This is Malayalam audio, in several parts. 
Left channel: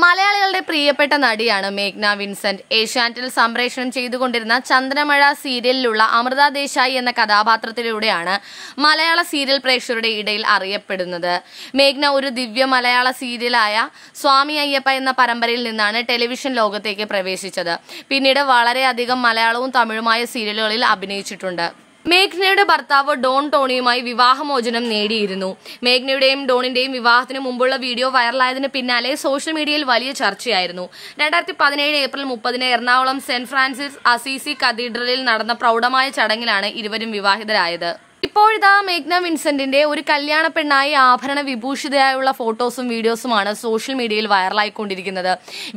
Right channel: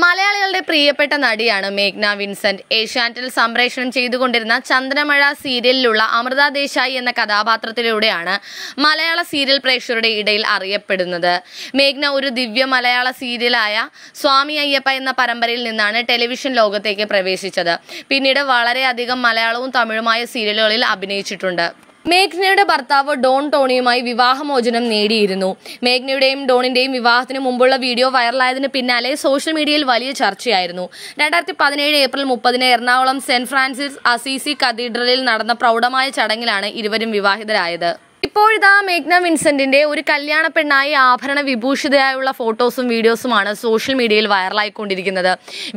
മലയാളികളുടെ പ്രിയപ്പെട്ട നടിയാണ് മേഘ്ന വിൻസെന്റ്. ഏഷ്യാനെറ്റിൽ സംപ്രേഷണം ചെയ്തുകൊണ്ടിരുന്ന ചന്ദ്രമഴ സീരിയലിലുള്ള അമൃത ദേശായി എന്ന കഥാപാത്രത്തിലൂടെയാണ് മലയാള സീരിയൽ പ്രേക്ഷകരുടെ ഇടയിൽ അറിയപ്പെടുന്നത്. മേഘ്ന ഒരു ദിവ്യ മലയാള സീരിയലായ സ്വാമി അയ്യപ്പ എന്ന പരമ്പരയിൽ നിന്നാണ് ടെലിവിഷൻ ലോകത്തേക്ക് പ്രവേശിച്ചത്. പിന്നീട് വളരെയധികം മലയാളവും തമിഴുമായ സീരിയലുകളിൽ അഭിനയിച്ചിട്ടുണ്ട്. മേഘ്നയുടെ ഭർത്താവ് ഡോൺ ടോണിയുമായി വിവാഹമോചനം നേടിയിരുന്നു. മേഘ്നയുടെയും ഡോണിന്റെയും വിവാഹത്തിന് മുമ്പുള്ള വീഡിയോ വൈറലായതിന് പിന്നാലെ സോഷ്യൽ മീഡിയയിൽ വലിയ ചർച്ചയായിരുന്നു. 2017 April 30 Ernakulam saint Francis Assisi കത്തീഡ്രലിൽ നടന്ന പ്രൗഢമായ ചടങ്ങിലാണ് ഇരുവരും വിവാഹിതരായത്. ഇപ്പോഴിതാ മേഘ്ന വിൻസെന്റിന്റെ ഒരു കല്യാണ പെണ്ണായി ആഭരണ വിഭൂഷിതയായുള്ള ഫോട്ടോസും വീഡിയോസുമാണ് സോഷ്യൽ മീഡിയയിൽ വൈറലായിക്കൊണ്ടിരിക്കുന്നത്.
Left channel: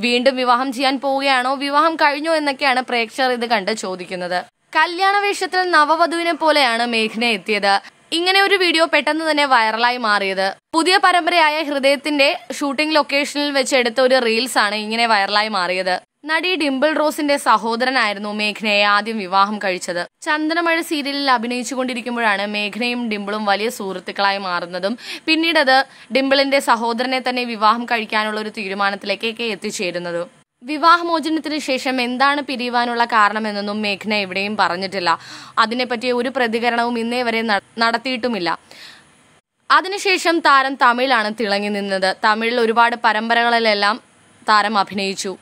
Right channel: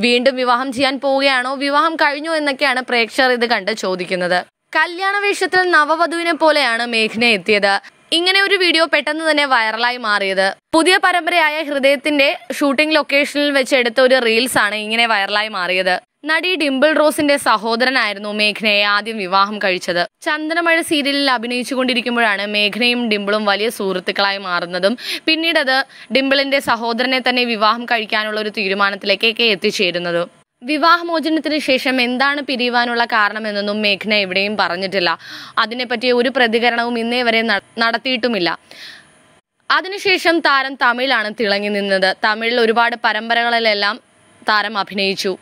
വീണ്ടും വിവാഹം ചെയ്യാൻ പോവുകയാണോ, വിവാഹം കഴിഞ്ഞോ എന്നൊക്കെയാണ് പ്രേക്ഷകർ ഇത് കണ്ട് ചോദിക്കുന്നത്. കല്യാണ വേഷത്തിൽ നവവധുവിനെ പോലെയാണ് മേഘ്ന എത്തിയത്. ഇങ്ങനെ ഒരു വീഡിയോ പെട്ടെന്ന് തന്നെ വൈറലായി മാറിയത്. പുതിയ പരമ്പരയായ ഹൃദയത്തിന്റെ ഷൂട്ടിംഗ് ലൊക്കേഷനിൽ വെച്ച് എടുത്ത ഒരു റീൽസ് ആണ് ഇങ്ങനെ വൈറലായി മാറിയത്. നടി ഡിംപിൾ റോസിന്റെ സഹോദരനായിരുന്നു മേഘ്നയെ ആദ്യം വിവാഹം കഴിച്ചത്. ചന്ദ്രമഴ സീരിയലിൽ അഭിനയിച്ചുകൊണ്ടിരിക്കുമ്പോഴാണ് മേഘ്നയും ഡിംപിളും വലിയ സുഹൃത്തുക്കളായി മാറുന്നതും പിന്നീടത് ഡിംപിളിന്റെ സഹോദരനെ തന്നെ വിവാഹം കഴിക്കാനുള്ള ഒരു തീരുമാനത്തിലേക്കൊക്കെ എത്തിച്ചേരുന്നതും. വിവാഹമോചനത്തിന് ശേഷം എന്താണ് പിരിയുവാനുള്ള കാരണമെന്നൊന്നും മേഘ്ന എവിടെയും പറഞ്ഞിട്ടില്ല. അതിനെപ്പറ്റി ഒരു പ്രതികരണവും ഇന്നേ വരെ നടത്തിയിട്ടുമില്ല. അതിനുശേഷം താരം തമിഴിലാണ് തിളങ്ങി നിന്നത്. തമിഴിൽ ഒരുപാട് പരമ്പരകളിലെല്ലാം താരം അഭിനയിച്ചു.